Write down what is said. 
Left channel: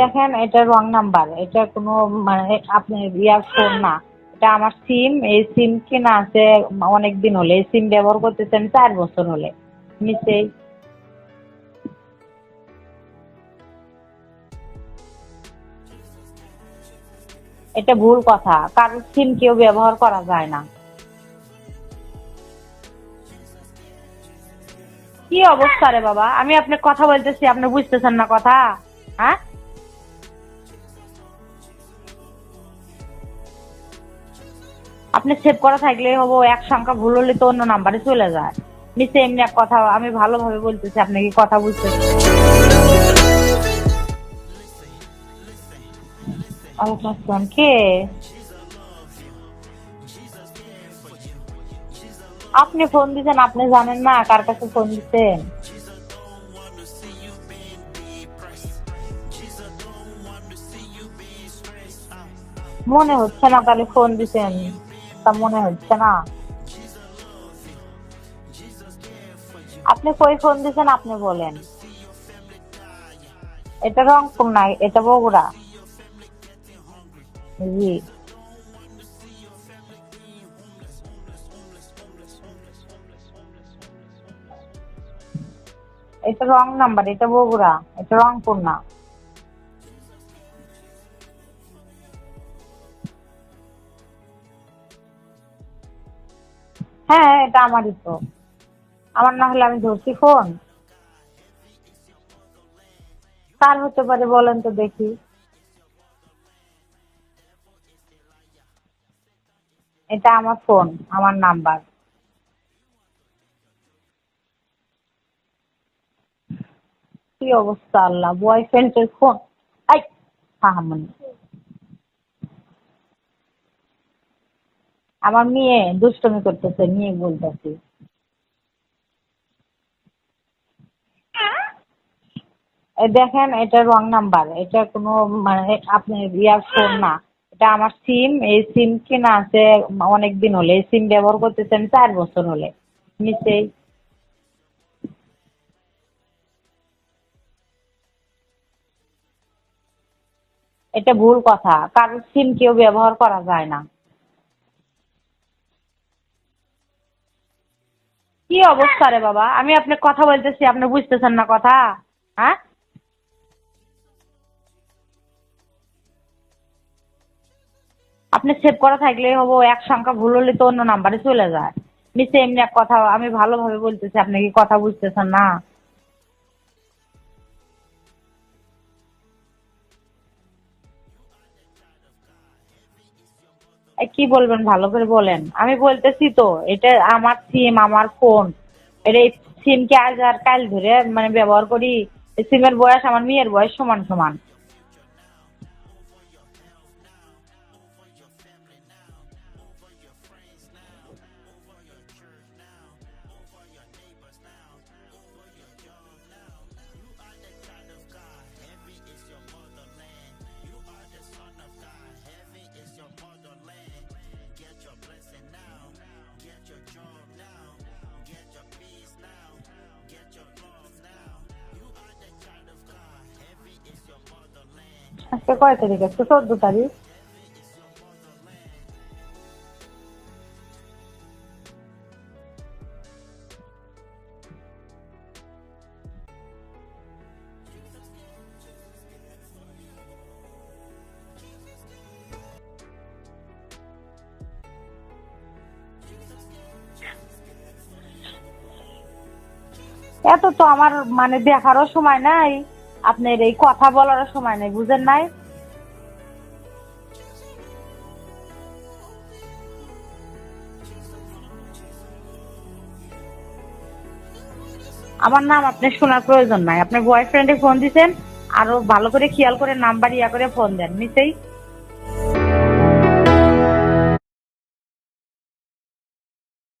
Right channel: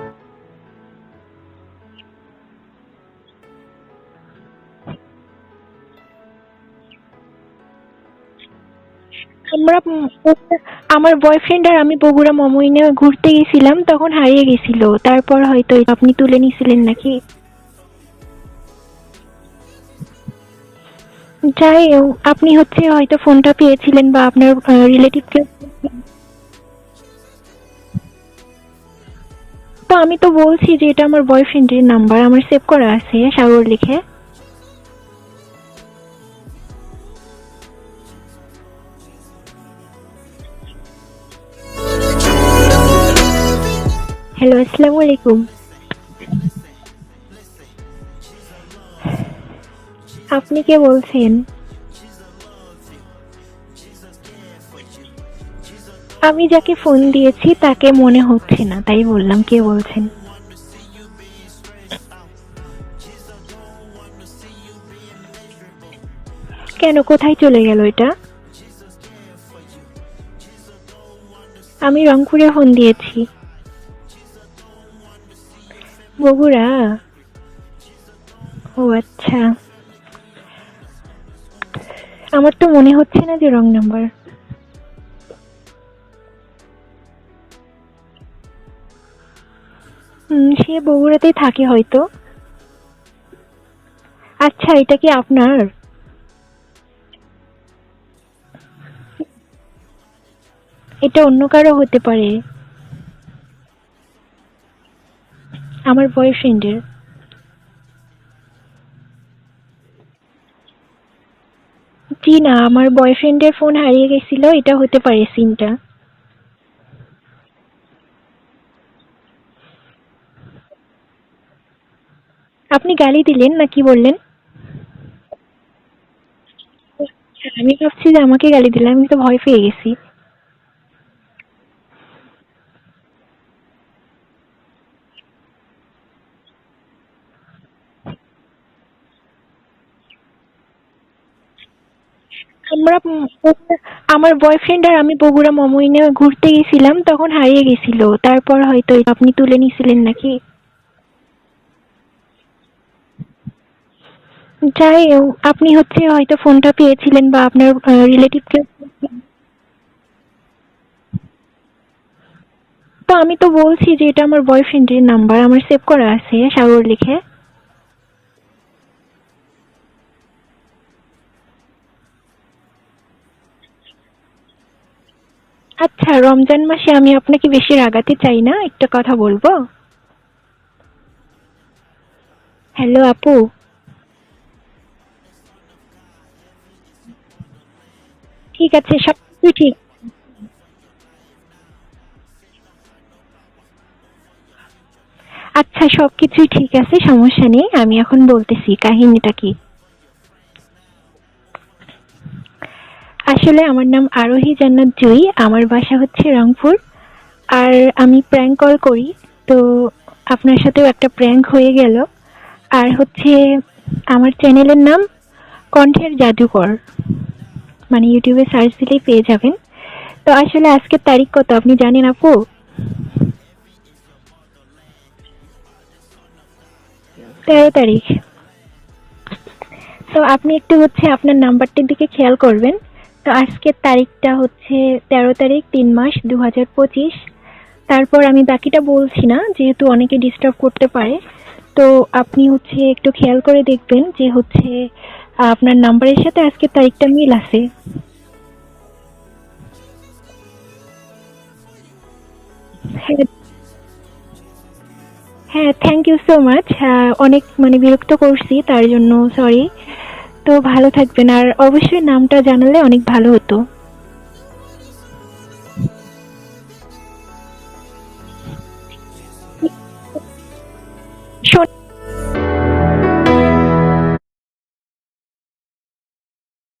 দেখেন এটা wrong number এটা কোনো মানে আপনি ইয়ার ফোন না। এটা আমার সিম এই সিম কেনা আছে অনেক দিন হলে। এই সিম ব্যবহার করতেছেন চার বছর হলে। আমরা আমার বয়ফ্রেন্ড আর আমি বগুড়া মমইনে ঘুরতে গেছিলাম তখন হারিয়ে গেছিল। তারপর হয়তো আপনি তুলে নিছিলেন নাকি? এটা ভুল কথা। কারোর সিম কেউ ব্যবহার করা যায় না। যাই আপনি হচ্ছে হয়তো ফোনটা পেয়েছিলেন বা আপনার রিলেটিভ কি অবস্থা রে বাবা? আমি আপনার কথা বলতেছি আপনি বুঝতেছেন না কথা? হ্যাঁ? তো আমি তো বলছি যে এটা আমার বয়ফ্রেন্ডের নাম্বার আমার সেভ করা আছে সাগর লিখে। আপনি সেভ করা থাকলে হব এক সংখ্যা ভুল হলে তো অন্য নাম্বারে চলে যায়। নিচে এমনি এক কথা আমি ভালোভাবে বলতেছি আপনি কি কথা বুঝতেছেন হ্যালো আসসালামু আলাইকুম। ওয়ালাইকুম আসসালাম কে? আপনি কে বলছেন? আপনি ফোন দিছেন আপনি জানেন না কার কাছে ফোন দিচ্ছেন আমি যাকে ফোন দিয়েছি তাকে মনে হচ্ছে না তাই বললাম কে বলছেন? মনে হচ্ছে না তাহলে ফোন দিছেন তা মনে হচ্ছে না। কেন কোথায় চলে গেল এটা? আপনি কই ফোন দিছেন আপনি বলেন। আমি রংপুরে ফোন দিয়েছি। এটা রংপুর না এটা বগুড়া। বগুড়া? জি। ও আচ্ছা। আমার তো মনে হচ্ছে না যে রং নাম্বার। এটা রং নাম্বার এটা বগুড়া এটা রংপুর না হুম, সে বগুড়াতেই থাকে হয়তো। আচ্ছা এটা কি আপনার? হ্যাঁ এটা আমারই তো। আমার না হলে আমি ধরছি ফোন। এটা অন্য কারও হতে পারে। কার হতে পারে বলেন তো দেখি। আমার বয়ফ্রেন্ডের এটা আমার ফোন আমার নাম্বার। জি না আমার বয়ফ্রেন্ডের ফোন হারিয়ে গেছিল এটা হতে পারে সিমটা কি অবস্থা আল্লাহ? বয়ফ্রেন্ডের ফোন। আই হাহামনি আপনি গালি দিলেন না কি বললেন? আমার মেয়ে দুষ্টমি করতেছে মেয়ে বলতে আমি ভাবছি যে আমাকে গালি দিলেন আমি তো ভয় পেয়ে গেছি। দেখেন এটা রং নাম্বার এটা কোনো মানে আপনি ইয়ার ফোন না। এটা আমার সিম এই সিম কেনা আছে অনেক দিন হলে। এই সিম ব্যবহার করতেছেন চার বছর হলে। আমরা আমার বয়ফ্রেন্ড আর আমি বগুড়া মমইনে ঘুরতে গেছিলাম তখন হারিয়ে গেছিল। তারপর হয়তো আপনি তুলে নিছিলেন নাকি? এটা ভুল কথা। কারোর সিম কেউ ব্যবহার করা যায় না। যাই আপনি হচ্ছে হয়তো ফোনটা পেয়েছিলেন বা আপনার রিলেটিভ কি অবস্থা রে বাবা? আমি আপনার কথা বলতেছি আপনি বুঝতেছেন না কথা। হ্যাঁ? তো আমি তো বলছি যে এটা আমার বয়ফ্রেন্ডের নাম্বার আমার সেভ করা আছে সাগর লিখে। আপনি সেভ করা থাকলে হব এক সংখ্যা ভুল হলে তো অন্য নাম্বারে চলে যায়। নিচে এমনি এক কথা আমি ভালোভাবে বলতেছি আপনি কি কথা বুঝতেছেন না? আচ্ছা রমজান মাসে আমি আপনাকে বেশি রাগাতে চাই না একটা কথা বলব? হ্যালো আপু? কি বলবেন? ভালো করে বলেন। আমি বলতেছি তো এটা আমার সিম আমার ফোন ঠিক আছে সব এই কিছুই ঠিক। সিম কে আজ আর কাল ধরে মানে ব্যবহার করি সিমের বয়স আমার মেয়ের বয়স সমান সমান। আচ্ছা সবকিছুই ঠিক আছে, সমস্যা নেই। আমি এখন বলতেছি, কাহিনীটা কি? আসলে আমার নাম আরোহী জান্নাত জুই, আমার বাসা হচ্ছে রংপুর। আর আমি প্র্যাঙ্ক কল করি, তো আপনার সাথেও একটা প্র্যাঙ্ক হয়ে গেল। আর হচ্ছে, আমার চ্যানেলের নাম কণ্ঠের জাদুকর। মানে ইউটিউবে সার্চ দিলেই পেয়ে যাবেন। তো আসলে আজকের তারিখ কত? আপনি জানেন আপু? আজকে কয় তারিখ? আছে চোদ্দ তারিখ। তেরো তারিখ। তো আপনি একটু হচ্ছে আপনার নাম্বারটির দিকে খেয়াল করবেন। তো আজকের তারিখটা হচ্ছে তেরো তারিখ তিন মাস দু হাজার পঁচিশ। তারপর আমি বাকিটা বলছি না যেহেতু অনেকে ডিস্টার্ব করতে পারে। তো আপনি হচ্ছে একটু খেয়াল করে দেখবেন যে হচ্ছে আপনার নাম্বারের সাথে আজকের তারিখটা মিল আছে। এত তো আমার মানে দেখারও সময় নাই। আপনার এই কথা বলার সময় নেই বুঝেন নাই? হ্যাঁ থ্যাংক ইউ সো মাচ অনেক মানে বিরক্ত করছি তার জন্য সরি তো ভালো থাকবেন আর অবশ্যই নামটা জানালে অনেক ভালো হতো। আমার নাম আপনার শোনার প্রয়োজন নাই। আপনার বয়ফ্রেন্ডে ফোন দিছেন আরও ভালো করে খেয়াল করে নাম্বার ইয়া করে ফোন দেন নিশ্চয়ই?